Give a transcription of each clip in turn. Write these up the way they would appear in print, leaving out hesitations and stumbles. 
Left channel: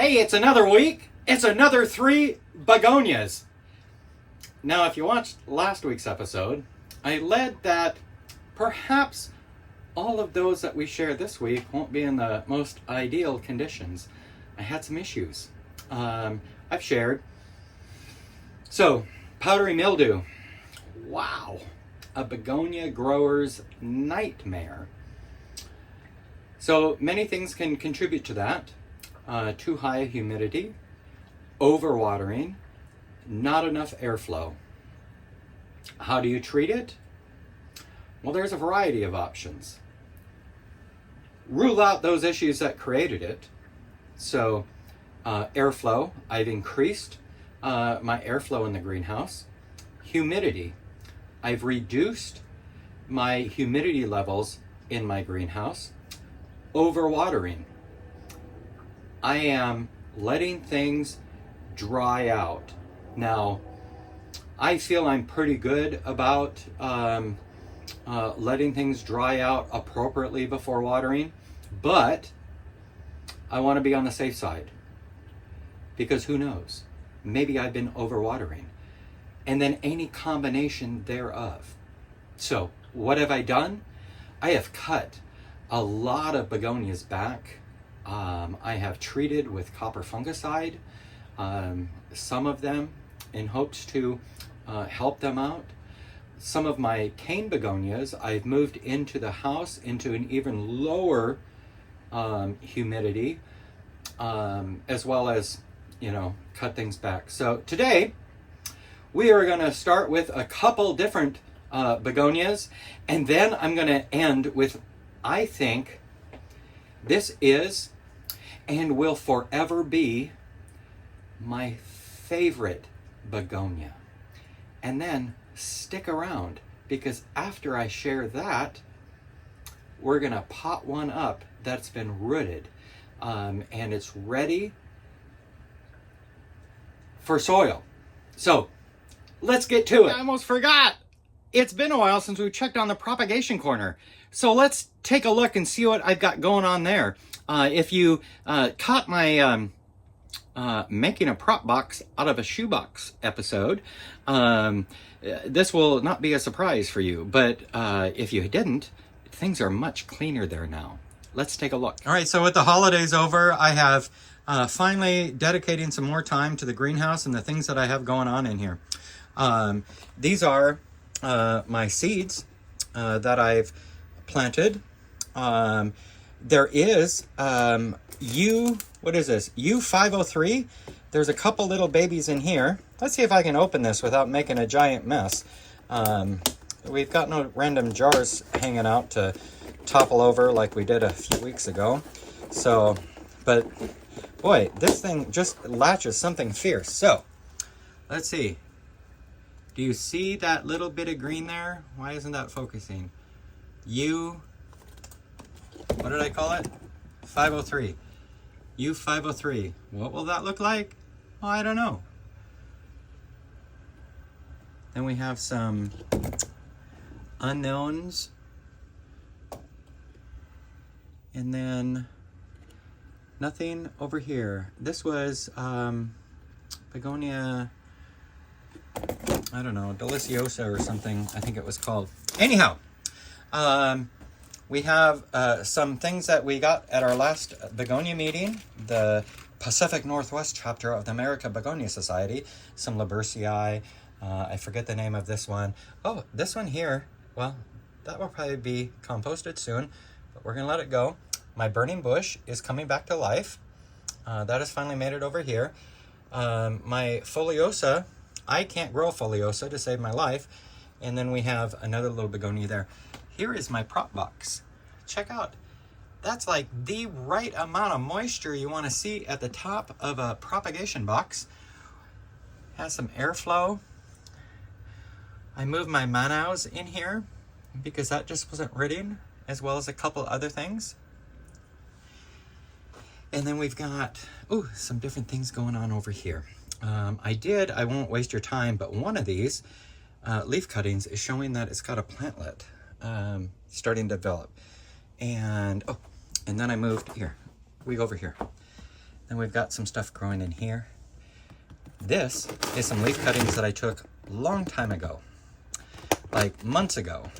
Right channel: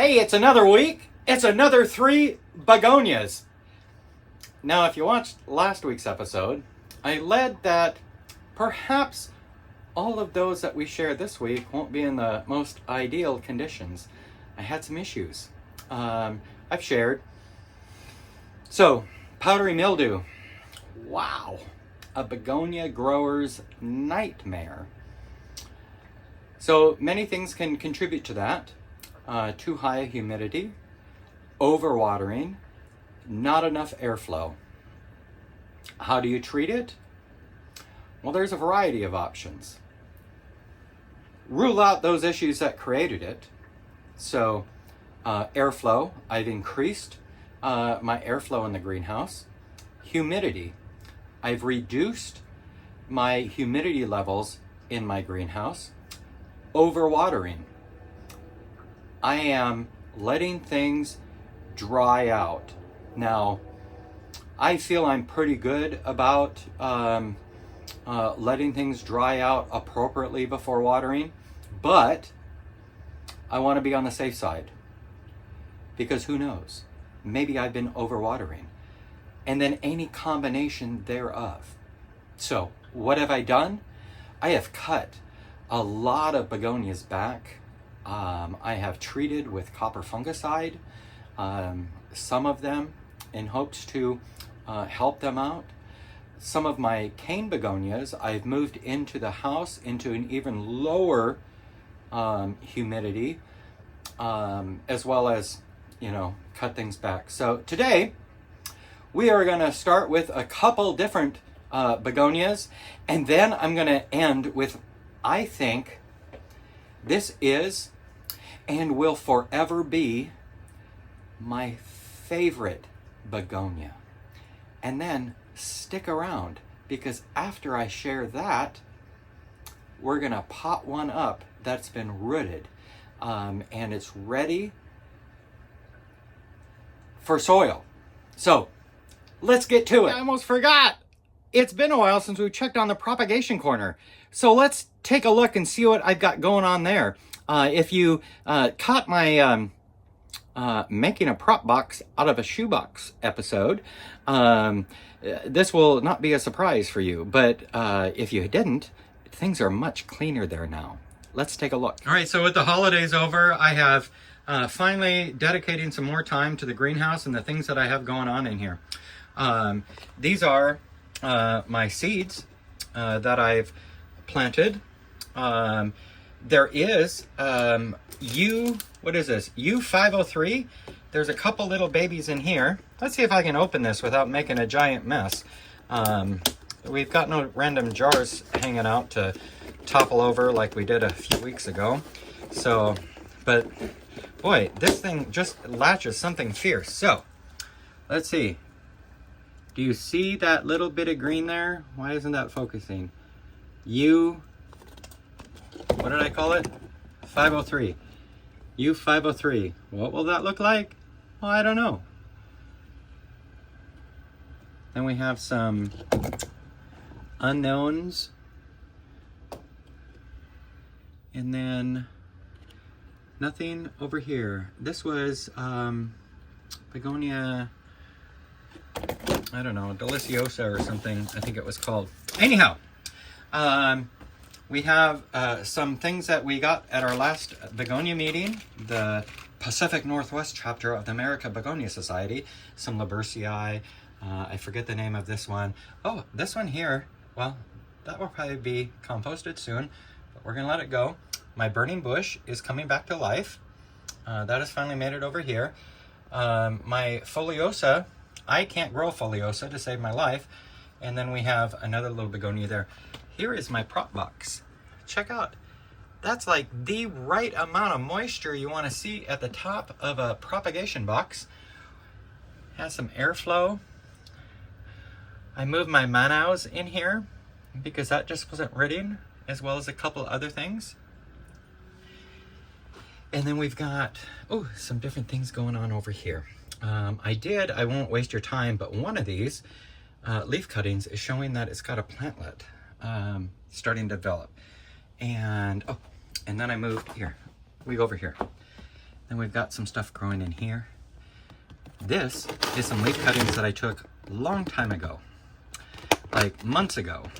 Hey, it's another week. It's another 3 begonias. Now, if you watched last week's episode, I led that perhaps all of those that we share this week won't be in the most ideal conditions. I had some issues. I've shared. So, powdery mildew. Wow. A begonia grower's nightmare. So, many things can contribute to that. Too high humidity, overwatering, not enough airflow. How do you treat it? Well, there's a variety of options. Rule out those issues that created it. So, airflow, I've increased my airflow in the greenhouse. Humidity, I've reduced my humidity levels in my greenhouse. Overwatering, I am letting things dry out. Now, I feel I'm pretty good about letting things dry out appropriately before watering, but I want to be on the safe side because who knows? Maybe I've been overwatering, and then any combination thereof. So, what have I done? I have cut a lot of begonias back. I have treated with copper fungicide, some of them in hopes to help them out. Some of my cane begonias I've moved into the house into an even lower humidity, as well as, cut things back. So today we are going to start with a couple different begonias, and then I'm going to end with, I think, this is and will forever be my favorite begonia. And then stick around, because after I share that, we're gonna pot one up that's been rooted, and it's ready for soil. So let's get to it. I almost forgot. It's been a while since we checked on the propagation corner. So let's take a look and see what I've got going on there. If you caught my making a prop box out of a shoebox episode, this will not be a surprise for you. But if you didn't, things are much cleaner there now. Let's take a look. All right, so with the holidays over, I have finally dedicating some more time to the greenhouse and the things that I have going on in here. These are my seeds that I've planted. There is what is this? U503. There's a couple little babies in here. Let's see if I can open this without making a giant mess. We've got no random jars hanging out to topple over like we did a few weeks ago. So, but boy, this thing just latches something fierce. So, let's see. Do you see that little bit of green there? Why isn't that focusing? What did I call it? 503. U503. What will that look like? Well, I don't know. Then we have some unknowns. And then nothing over here. This was Begonia, I don't know, Deliciosa or something, I think it was called. Anyhow, we have some things that we got at our last begonia meeting, the Pacific Northwest chapter of the American Begonia Society. Some Luxurians, I forget the name of this one. Oh, this one here, well, that will probably be composted soon, but we're gonna let it go. My burning bush is coming back to life. That has finally made it over here. My foliosa, I can't grow foliosa to save my life. And then we have another little begonia there. Here is my prop box. Check out. That's like the right amount of moisture you want to see at the top of a propagation box. Has some airflow. I moved my manaus in here because that just wasn't rooting, as well as a couple other things. And then we've got, some different things going on over here. I won't waste your time, but one of these leaf cuttings is showing that it's got a plantlet starting to develop. And then I moved here. We go over here. Then we've got some stuff growing in here. This is some leaf cuttings that I took a long time ago, like months ago.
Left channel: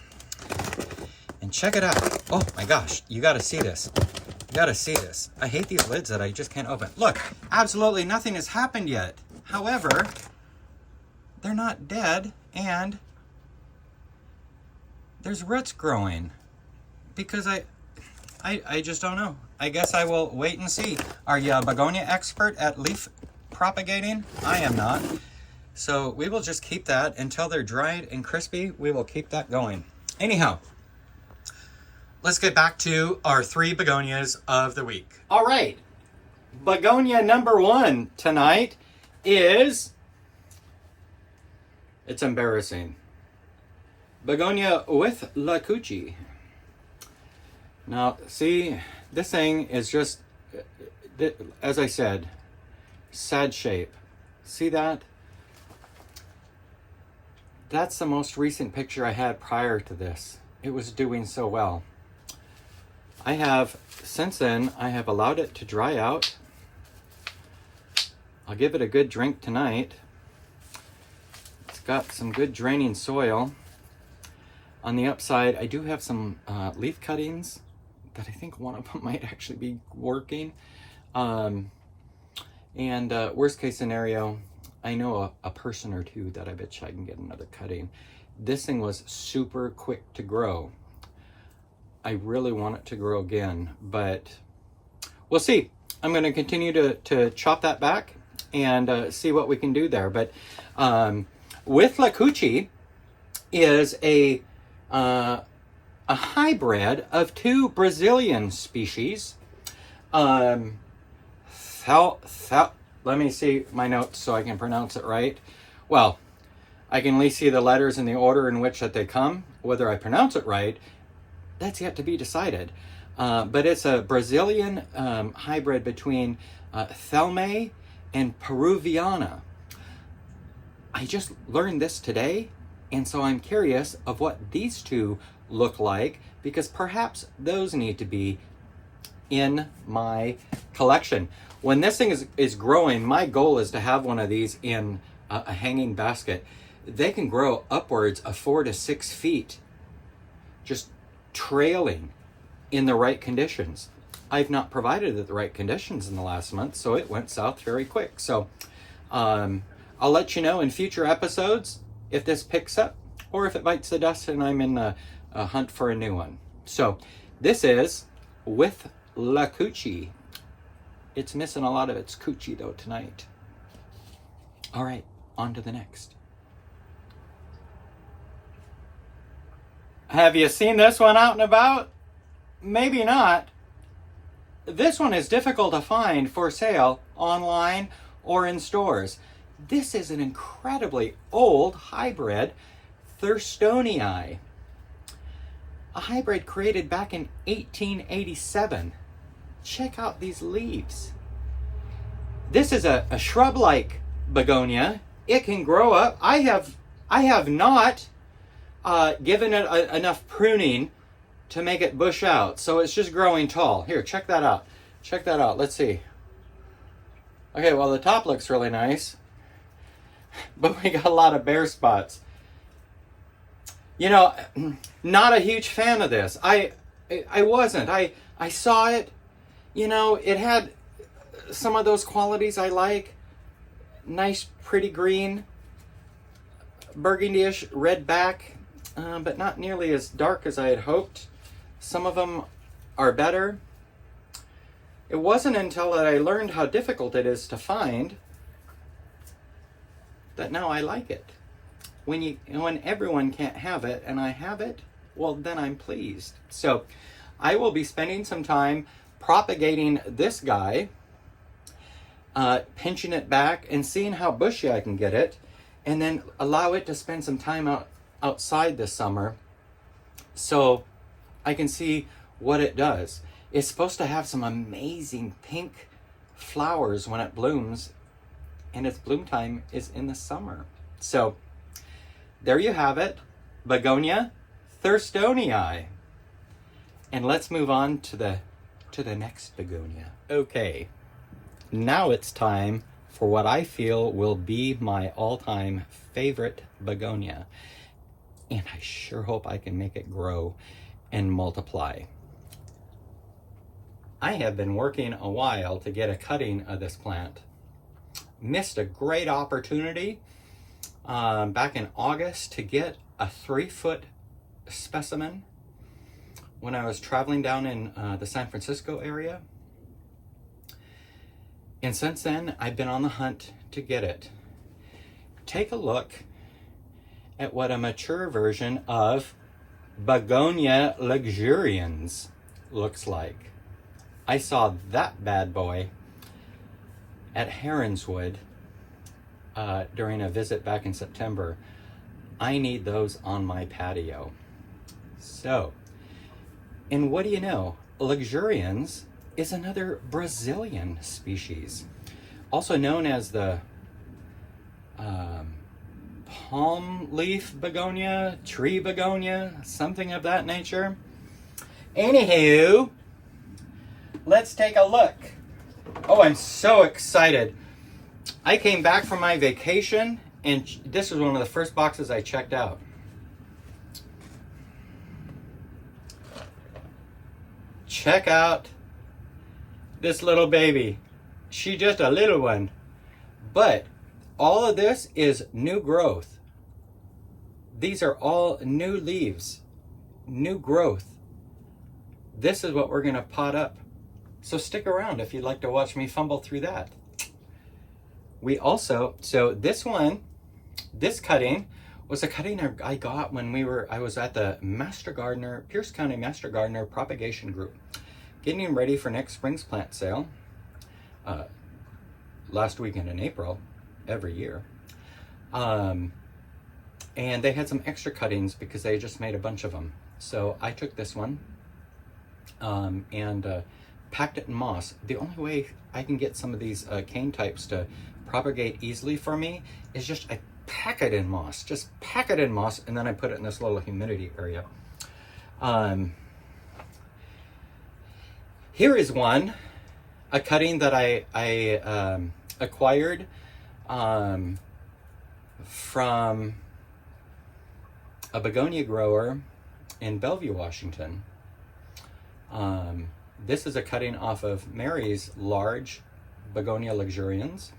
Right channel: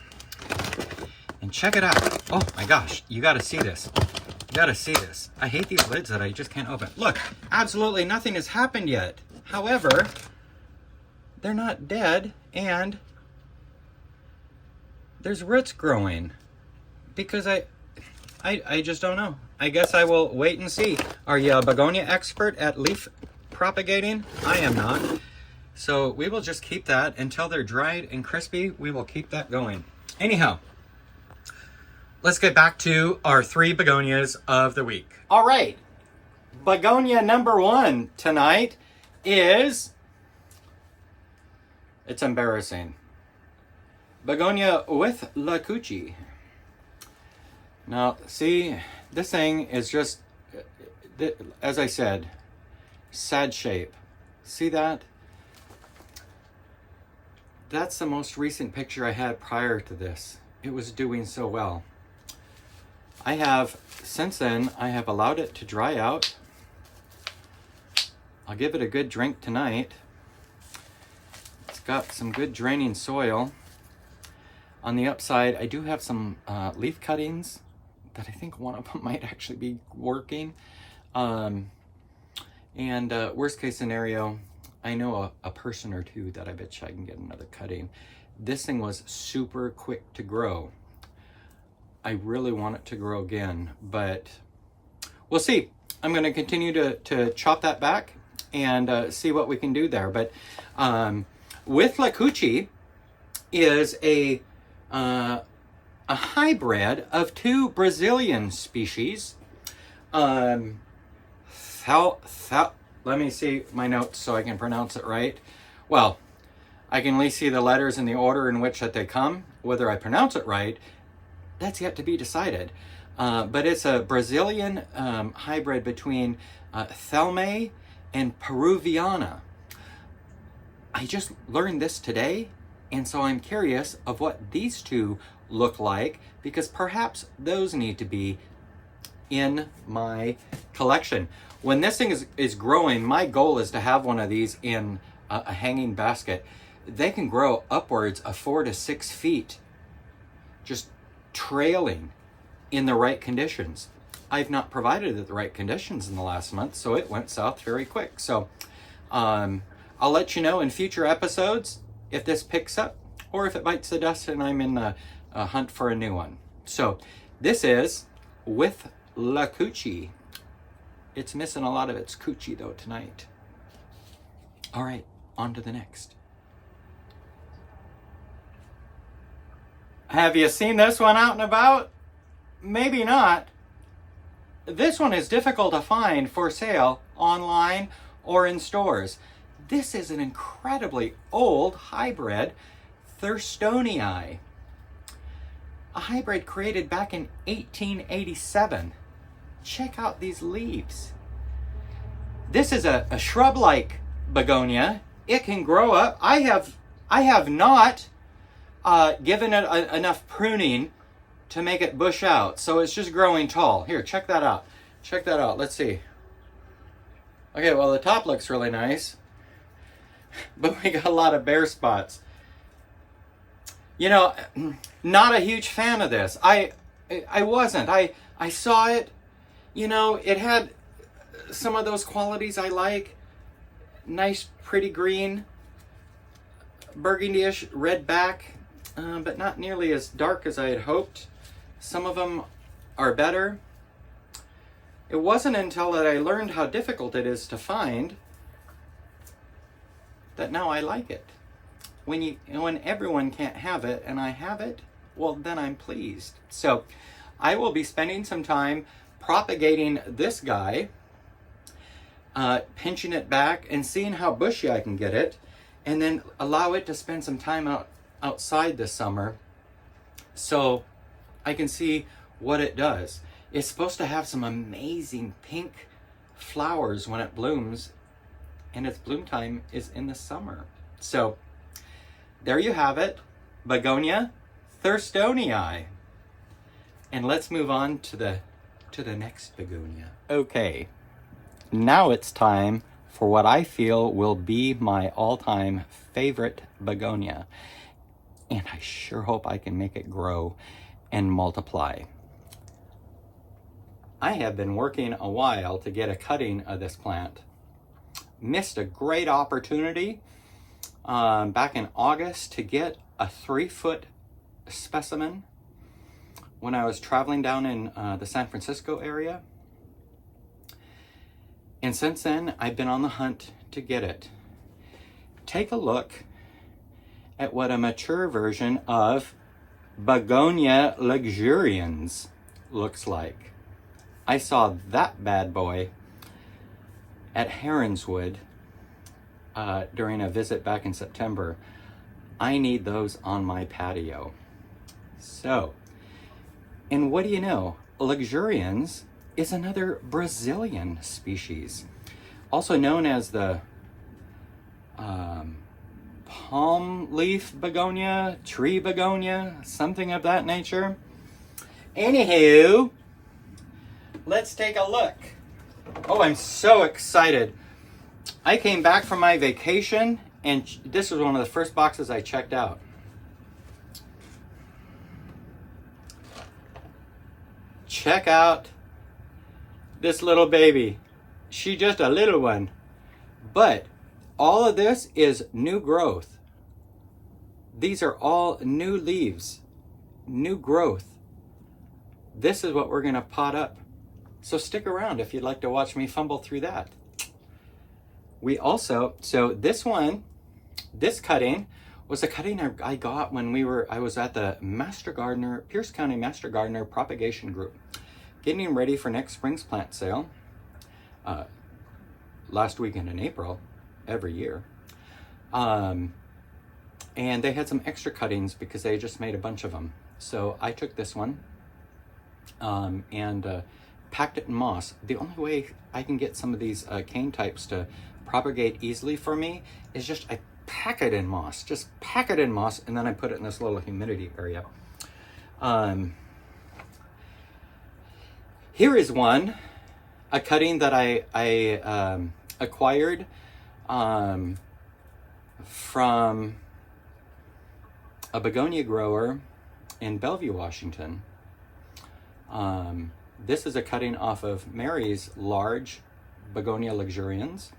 And check it out. Oh my gosh, you gotta see this. You gotta see this. I hate these lids that I just can't open. Look, absolutely nothing has happened yet. However, they're not dead, and there's roots growing. Because I just don't know. I guess I will wait and see. Are you a begonia expert at leaf propagating? I am not. So we will just keep that until they're dried and crispy. We will keep that going. Anyhow, let's get back to our 3 begonias of the week. All right. Begonia number 1 tonight is, it's embarrassing, Begonia WITHLACOOCHEE. Now, see, this thing is just, as I said, sad shape. See that? That's the most recent picture I had prior to this. It was doing so well. I have, since then, I have allowed it to dry out. I'll give it a good drink tonight. It's got some good draining soil. On the upside, I do have some leaf cuttings that I think one of them might actually be working. Worst case scenario, I know a person or two that I bet you I can get another cutting. This thing was super quick to grow. I really want it to grow again, but we'll see. I'm going to continue to chop that back and see what we can do there. But WITHLACOOCHEE is a hybrid of 2 Brazilian species. Let me see my notes so I can pronounce it right. Well, I can at least see the letters in the order in which that they come. Whether I pronounce it right, that's yet to be decided. But it's a Brazilian hybrid between Thelme and Peruviana. I just learned this today, and so I'm curious of what these 2 look like, because perhaps those need to be in my collection. When this thing is growing, my goal is to have one of these in a hanging basket. They can grow upwards of 4 to 6 feet, just trailing in the right conditions. I've not provided it the right conditions in the last month, so it went south very quick. So I'll let you know in future episodes if this picks up or if it bites the dust and I'm in a hunt for a new one. So this is WITHLACOOCHEE. It's missing a lot of its coochie though tonight. All right, on to the next. Have you seen this one out and about? Maybe not. This one is difficult to find for sale online or in stores. This is an incredibly old hybrid THURSTONII. A hybrid created back in 1887. Check out these leaves. This is a shrub-like begonia. It can grow up. I have not given it enough pruning to make it bush out, so it's just growing tall. Here, check that out. Check that out. Let's see. Okay, well, the top looks really nice, but we got a lot of bare spots. You know, not a huge fan of this. I wasn't. I saw it. You know, it had some of those qualities I like. Nice, pretty green, burgundy-ish red back, but not nearly as dark as I had hoped. Some of them are better. It wasn't until that I learned how difficult it is to find that now I like it. When everyone can't have it and I have it, well, then I'm pleased. So I will be spending some time propagating this guy, pinching it back and seeing how bushy I can get it, and then allow it to spend some time outside this summer so I can see what it does. It's supposed to have some amazing pink flowers when it blooms, and its bloom time is in the summer. So there you have it, Begonia THURSTONII. And let's move on to the next begonia. Okay, now it's time for what I feel will be my all-time favorite begonia. And I sure hope I can make it grow and multiply. I have been working a while to get a cutting of this plant. Missed a great opportunity back in August to get a 3-foot specimen when I was traveling down in the San Francisco area. And since then, I've been on the hunt to get it. Take a look at what a mature version of Begonia Luxurians looks like. I saw that bad boy at Heronswood during a visit back in September. I need those on my patio. So, and what do you know? Luxurians is another Brazilian species, also known as the palm leaf begonia, tree begonia, something of that nature. Anywho, let's take a look. Oh, I'm so excited. I came back from my vacation and this was one of the first boxes I checked out. Check out this little baby. She's just a little one. But all of this is new growth. These are all new leaves, new growth. This is what we're gonna pot up. So stick around if you'd like to watch me fumble through that. We also, so this one, this cutting was a cutting I got when I was at the Pierce County Master Gardener Propagation Group, getting ready for next spring's plant sale, last weekend in April, every year. And they had some extra cuttings because they just made a bunch of them. So I took this one and packed it in moss. The only way I can get some of these cane types to propagate easily for me is just I pack it in moss. Just pack it in moss, and then I put it in this little humidity area. Here is one, a cutting that I acquired from a begonia grower in Bellevue, Washington. This is a cutting off of Mary's large Begonia Luxurians.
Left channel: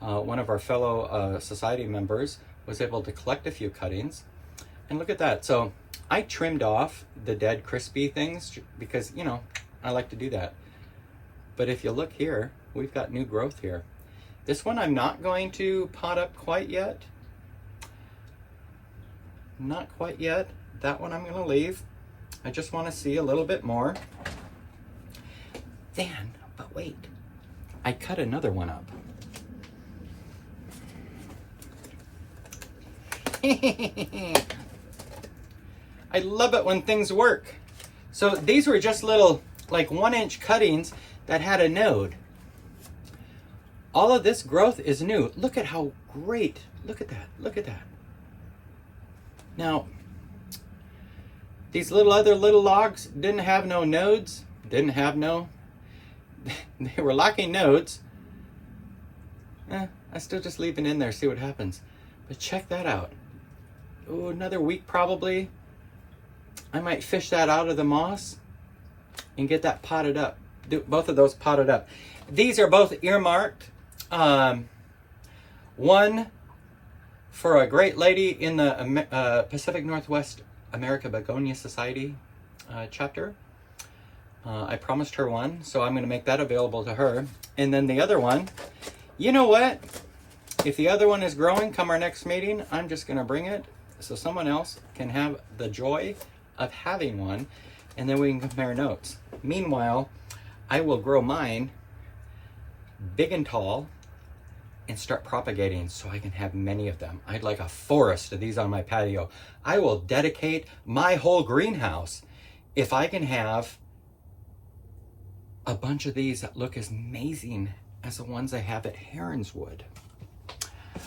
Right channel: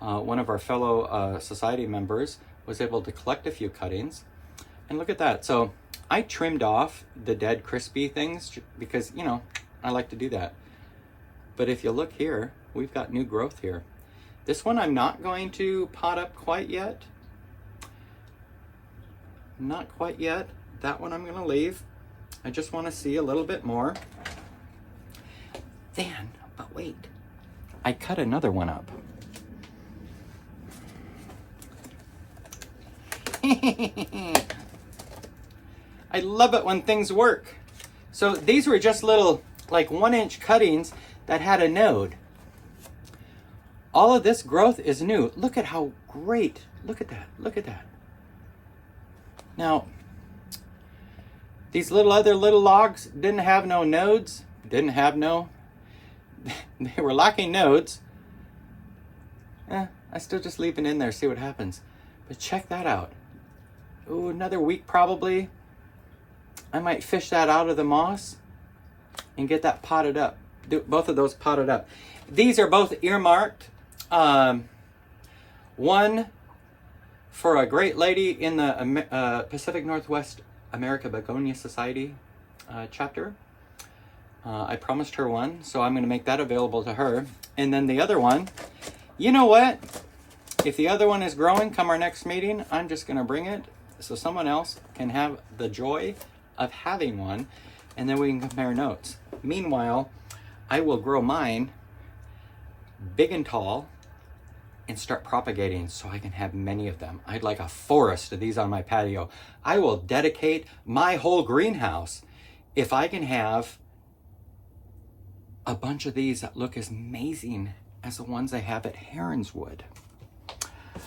One of our fellow society members was able to collect a few cuttings. And look at that. So I trimmed off the dead crispy things because, you know, I like to do that. But if you look here, we've got new growth here. This one I'm not going to pot up quite yet. Not quite yet. That one I'm going to leave. I just want to see a little bit more. Then, but wait, I cut another one up. I love it when things work. So these were just little, like 1-inch cuttings that had a node. All of this growth is new. Look at how great, look at that, look at that. Now, these other little logs didn't have no nodes, they were lacking nodes. I still just leave it in there, see what happens. But check that out. Oh, another week probably. I might fish that out of the moss and get that potted up. Do both of those potted up. These are both earmarked. One for a great lady in the Pacific Northwest American Begonia Society chapter. I promised her one, so I'm going to make that available to her. And then the other one, you know what? If the other one is growing come our next meeting, I'm just going to bring it so someone else can have the joy of having one, and then we can compare notes. Meanwhile, I will grow mine big and tall and start propagating so I can have many of them. I'd like a forest of these on my patio. I will dedicate my whole greenhouse if I can have a bunch of these that look as amazing as the ones I have at Heronswood.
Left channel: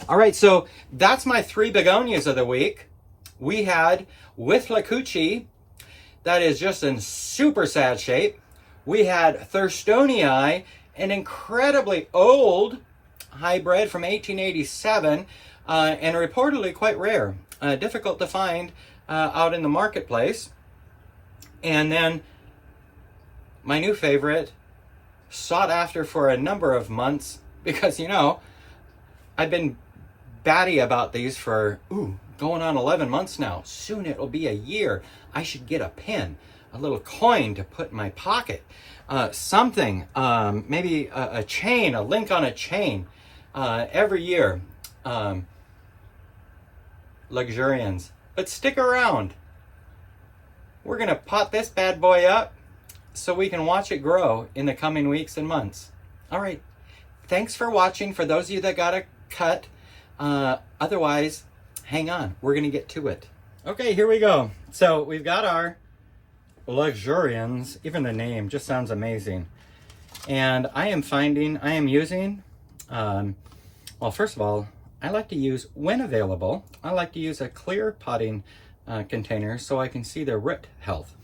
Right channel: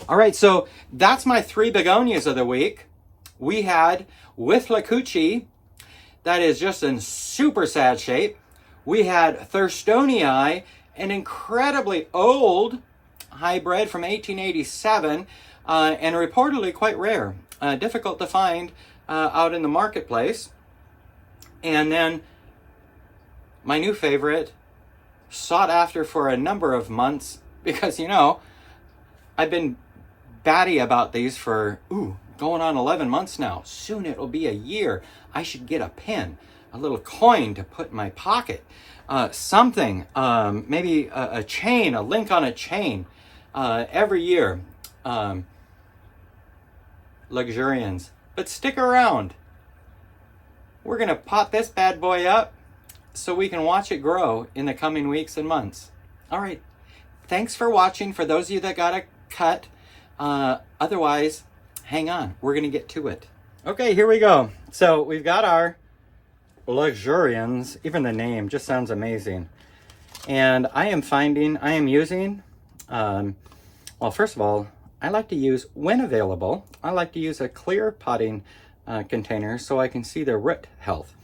All right, so that's my 3 begonias of the week. We had WITHLACOOCHEE, that is just in super sad shape. We had THURSTONII an incredibly old hybrid from 1887, and reportedly quite rare, difficult to find out in the marketplace. And then my new favorite, sought after for a number of months, because, you know, I've been batty about these for, going on 11 months now. Soon it'll be a year. I should get a pin, a little coin to put in my pocket. Something, maybe a chain, a link on a chain, every year. Luxurians. But stick around. We're going to pot this bad boy up so we can watch it grow in the coming weeks and months. All right. Thanks for watching. For those of you that got a cut, otherwise, hang on. We're going to get to it. Okay, here we go. So we've got our Luxurians. Even the name just sounds amazing. And I am using, well, first of all, I like to use, when available, I like to use a clear potting container so I can see the root health.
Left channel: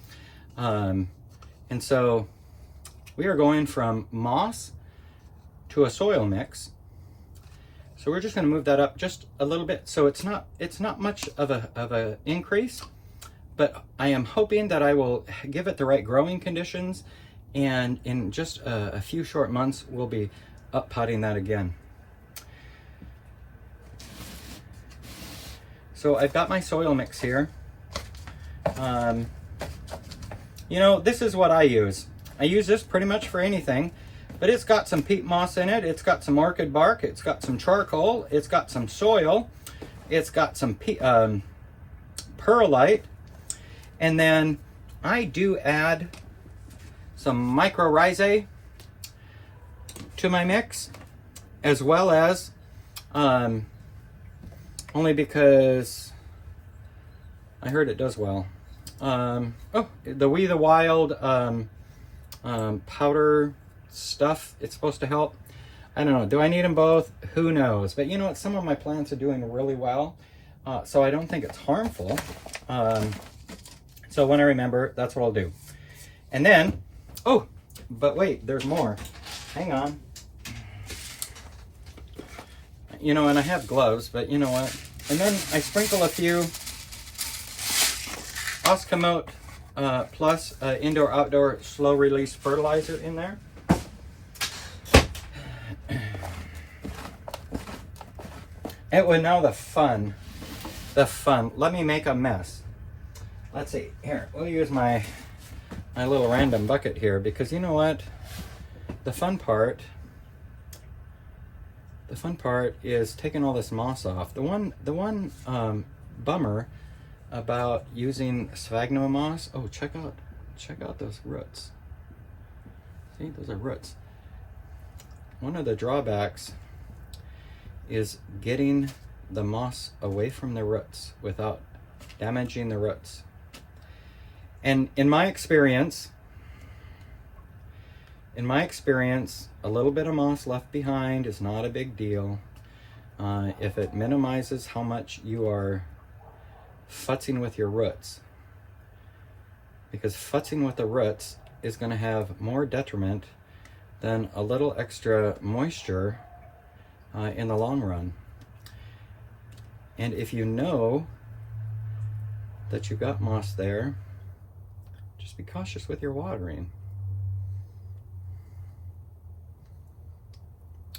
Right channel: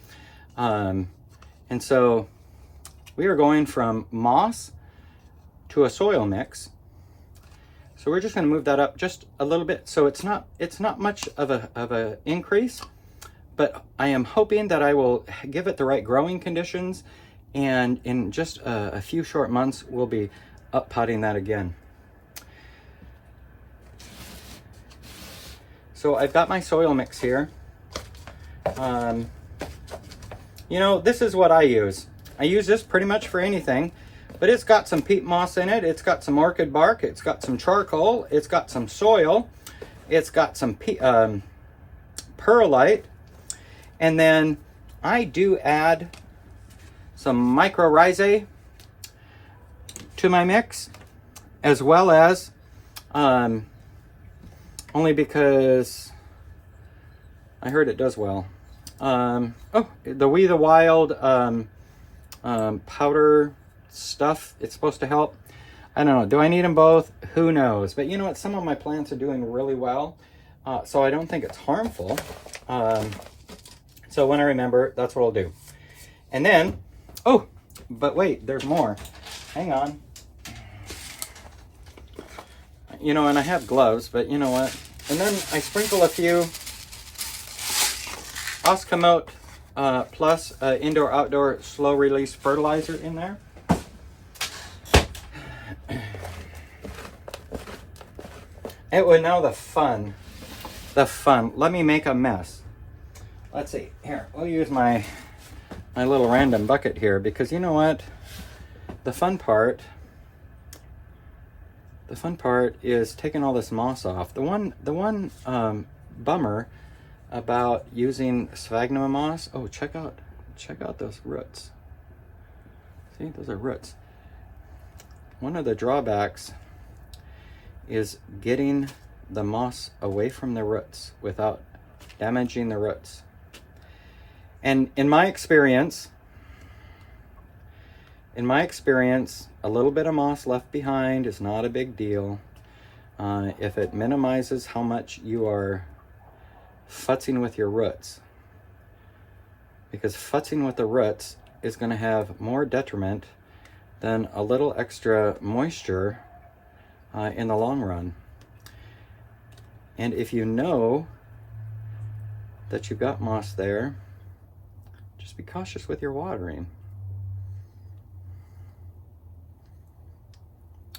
And so we are going from moss to a soil mix. So we're just going to move that up just a little bit. So it's not much of a increase, but I am hoping that I will give it the right growing conditions, and in just a few short months we'll be up potting that again. So I've got my soil mix here. You know, this is what I use. I use this pretty much for anything, but it's got some peat moss in it. It's got some orchid bark. It's got some charcoal. It's got some soil. It's got some perlite. And then I do add some mycorrhizae to my mix, as well as, only because I heard it does well. The We the Wild powder stuff, it's supposed to help. I don't know. Do I need them both? Who knows? But you know what? Some of my plants are doing really well, so I don't think it's harmful. So when I remember, that's what I'll do. And then, oh, but wait, there's more. Hang on. You know, and I have gloves, but you know what? And then I sprinkle a few Oscomote Plus indoor-outdoor slow-release fertilizer in there. It was now the fun. Let me make a mess. Let's see. Here, we'll use my little random bucket here, because you know what? The fun part is taking all this moss off. The one bummer about using sphagnum moss. Oh, check out those roots. See, those are roots. One of the drawbacks is getting the moss away from the roots without damaging the roots. And in my experience, a little bit of moss left behind is not a big deal if it minimizes how much you are futzing with your roots. Because futzing with the roots is going to have more detriment than a little extra moisture in the long run. And if you know that you've got moss there, just be cautious with your watering.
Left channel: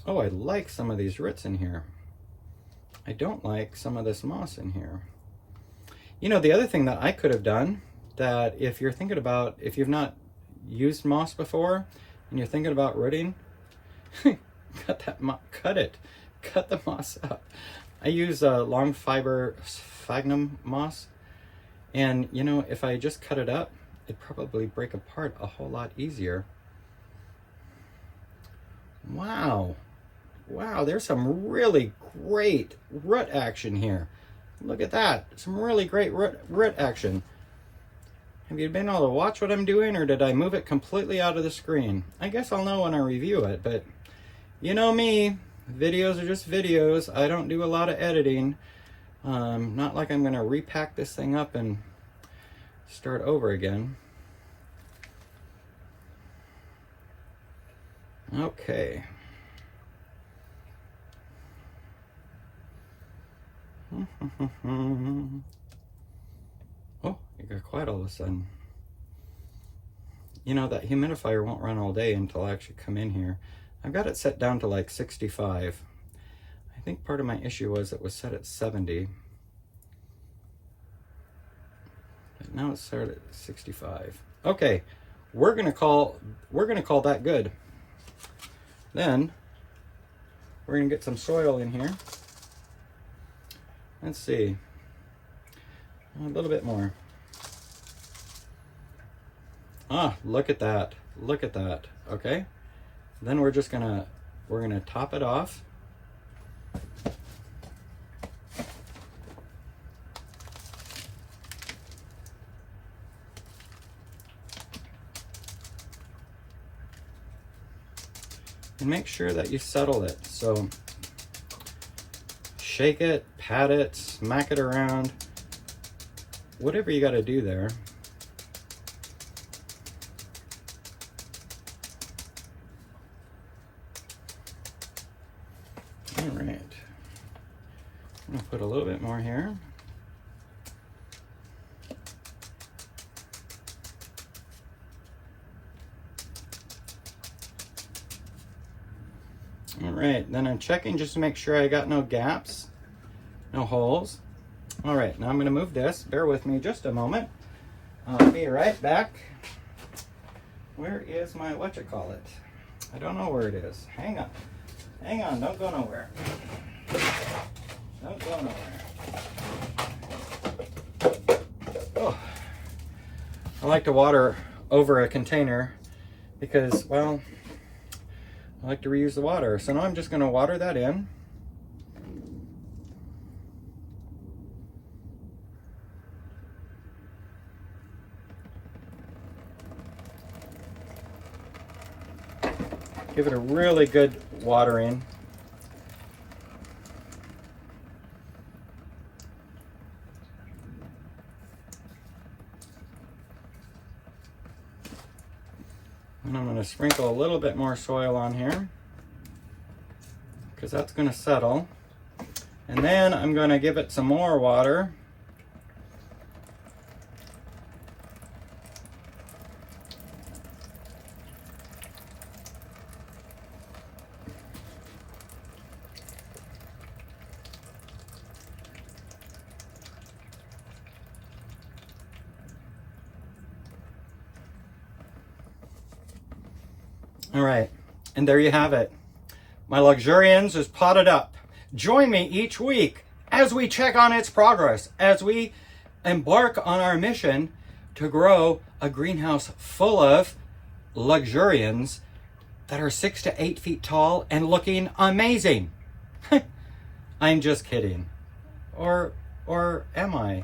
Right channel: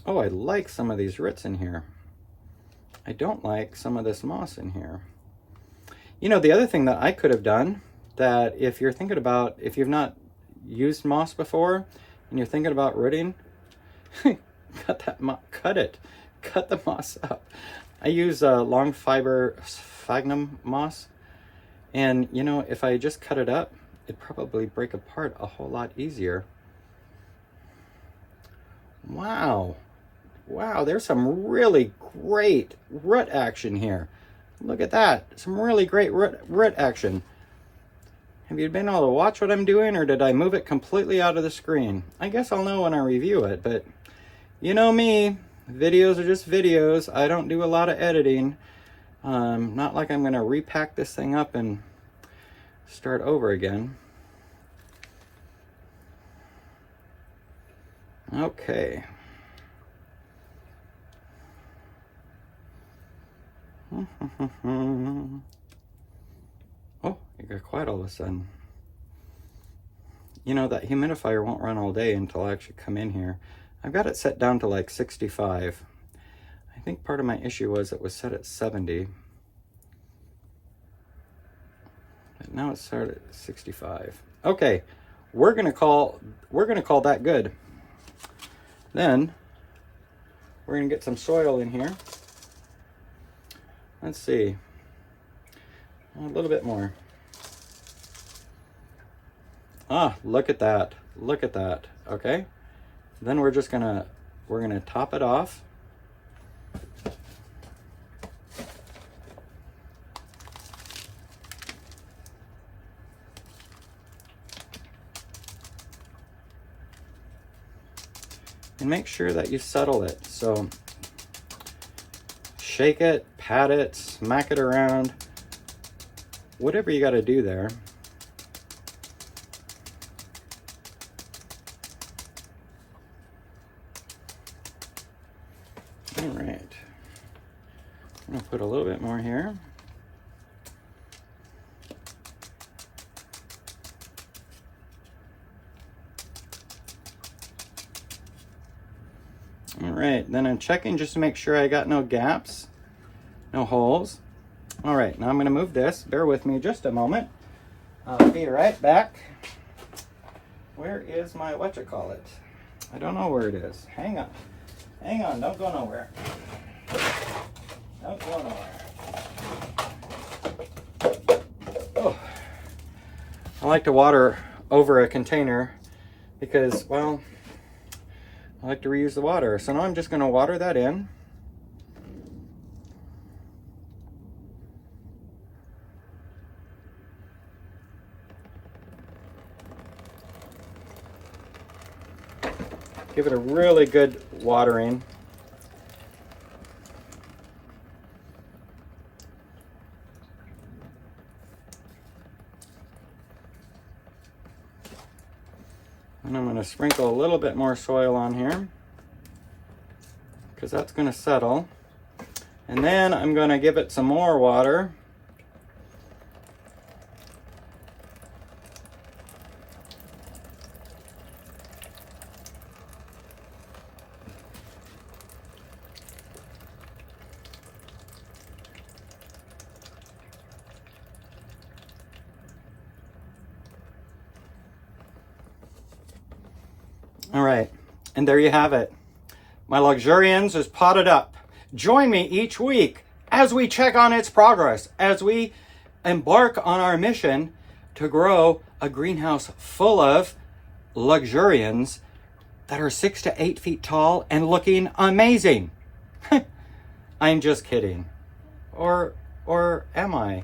Oh, I like some of these roots in here. I don't like some of this moss in here. You know, the other thing that I could have done, that if you're thinking about, if you've not used moss before and you're thinking about rooting, cut the moss up. I use long fiber sphagnum moss, and you know, if I just cut it up, it'd probably break apart a whole lot easier. Wow, there's some really great root action here. Look at that, some really great root action. Have you been able to watch what I'm doing, or did I move it completely out of the screen? I guess I'll know when I review it, but you know me, videos are just videos. I don't do a lot of editing. Not like I'm gonna repack this thing up and start over again. Okay. Oh, it got quiet all of a sudden. You know, that humidifier won't run all day until I actually come in here. I've got it set down to like 65. I think part of my issue was it was set at 70. But now it's set at 65. Okay, we're gonna call that good. Then we're gonna get some soil in here. Let's see. A little bit more. Ah, look at that. Look at that. Okay. Then we're gonna top it off. And make sure that you settle it. So shake it, pat it, smack it around, whatever you got to do there. All right, I'm gonna put a little bit more here. All right, then I'm checking just to make sure I got no gaps, no holes. All right, now I'm gonna move this. Bear with me just a moment. I'll be right back. Where is my, whatchamacallit? I don't know where it is. Hang on, don't go nowhere. Don't go nowhere. Oh. I like to water over a container because, well, I like to reuse the water. So now I'm just going to water that in. Give it a really good watering. And I'm going to sprinkle a little bit more soil on here because that's going to settle. And then I'm going to give it some more water. All right, and there you have it. My Luxurians is potted up. Join me each week as we check on its progress, as we embark on our mission to grow a greenhouse full of Luxurians that are 6 to 8 feet tall and looking amazing. I'm just kidding. Or am I?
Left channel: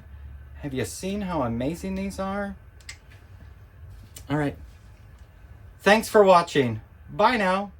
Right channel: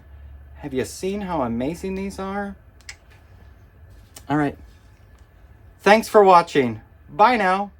Have you seen how amazing these are? All right. Thanks for watching. Bye now.